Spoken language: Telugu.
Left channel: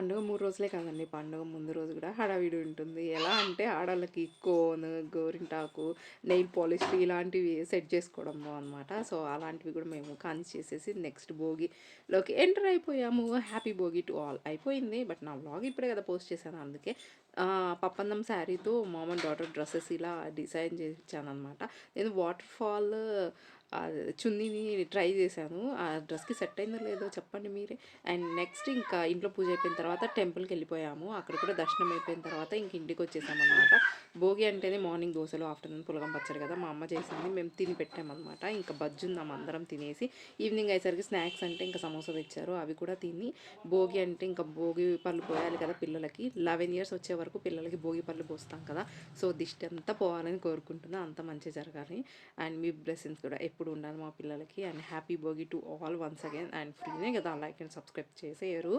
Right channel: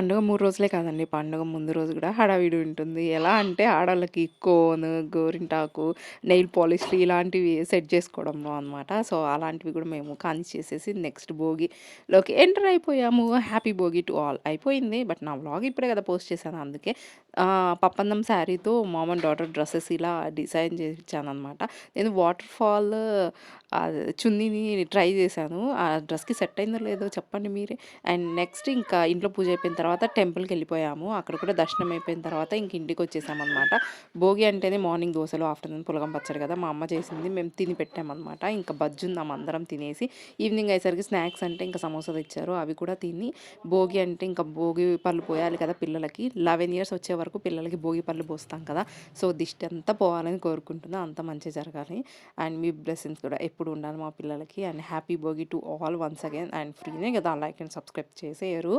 పండుగ 3 రోజులే కాదండి. పండుగ ముందు రోజు గూడా హడావిడి ఉంటుంది. ఎలా అంటే ఆడోళ్ళకి కోన్, గోరింటాకు, నెయిల్ పాలిష్‌లు ఇలాంటివి సెట్ చేసుకోవడంలో అనమాట. సో, అలాంటివి గూడా మేము కానిచ్చేసేసి నెక్స్ట్ భోగిలోకి ఎంటర్ అయిపోయాము. హ్యాపీ భోగి టు ఆల్ అయిపోయింది. బట్ నా వ్లాగ్ ఇప్పుడే కదా పోస్ట్ చేశాను అందుకే పప్పందం శారీతో మామ్ అండ్ డాటర్ డ్రెసెస్ ఇలా డిజైన్ చేయించాననమాట. నేను వాటర్ ఫాల్ చున్నీని ట్రై చేశాను. ఆ డ్రెస్‌కి సెట్ అయిందో లేదో చెప్పండి మీరే. అండ్ నెక్స్ట్ ఇంకా ఇంట్లో పూజ అయిపోయిన తర్వాత టెంపుల్‌కెళ్ళిపోయాము. అక్కడ కూడా దర్శనం అయిపోయిన తర్వాత ఇంక ఇంటికొచ్చేసామనమాట. భోగి అంటేనే మార్నింగ్ దోసలు, ఆఫ్టర్‌నూన్ పులగం పచ్చడి కదా! మా అమ్మ చేసింది. మేము తిని పెట్టామనమాట. ఇంకా బజ్జుందాం అందరం తినేసి ఈవినింగ్ అయ్యేసరికి స్నాక్స్ అంటే ఇంకా సమోసా తెచ్చారు. అవి కూడా తిని భోగి అంటే ఇంకా భోగి పళ్ళు పోయాలి కదా పిల్లలకి. 11 ఇయర్స్ వచ్చే వరకు పిల్లలకి భోగి పళ్ళు పోస్తాం కదా! సో, దిష్టి అంతా పోవాలని కోరుకుంటున్నా. అంతా మంచి జరగాలి. అండ్ మీ బ్లెస్సింగ్స్ కూడా ఎప్పుడు ఉండాలి మా పిల్లలకి. And happy Bhogi to all once again. And ఫ్రీనే కదా! Like and subscribe చేసేయరు.